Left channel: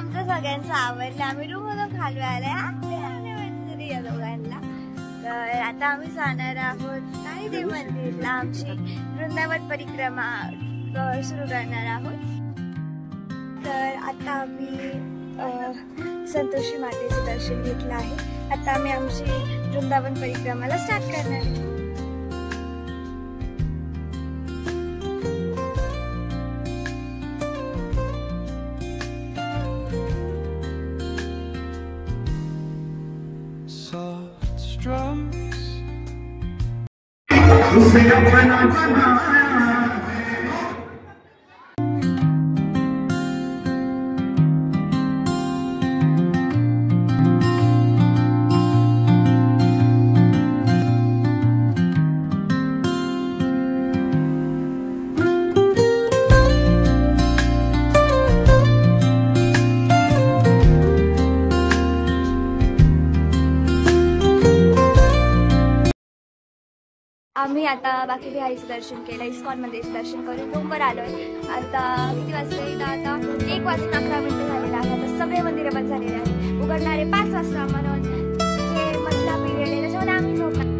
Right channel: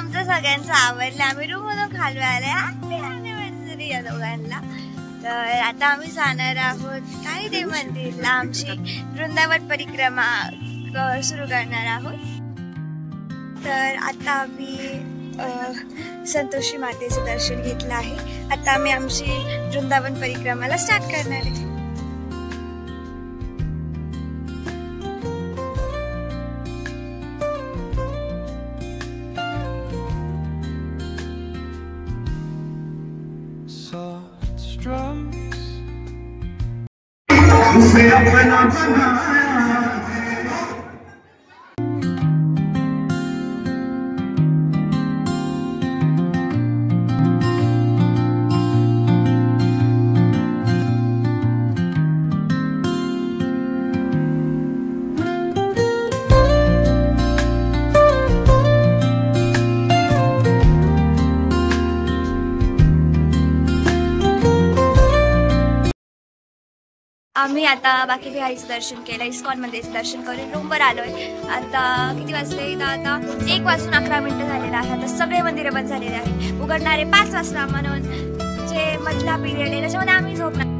आमचं सगळ्यांचं आवडलं. आम्ही रूम मधून खाली आले अॅनिव्हर्सरी या दोघांना. तर आता आम्ही जाणार आहोत काही देव मंदिरला, आमची वृंदावन परिक्रमा सुरू करणार आहोत. तर आता आम्ही संतोषी मातेचं दर्शन घेतलं आहे. आता आम्ही आमची वृंदावन परिक्रमाला स्टार्ट करणार आहे. आम्ही आता बाकी बिहारीचं दर्शन केलं, इस्कॉन मंदिरचं दर्शन करून रूमवर आलोय. आता किती वाजले? आता 1:11 झालेला आहे. आता सगळे मंदिरं बंद झालेले आहेत. उघडणारे 5 वाजता म्हणून जे मधला पिरियड आहे त्याच्यामध्ये आम्ही झोपणार.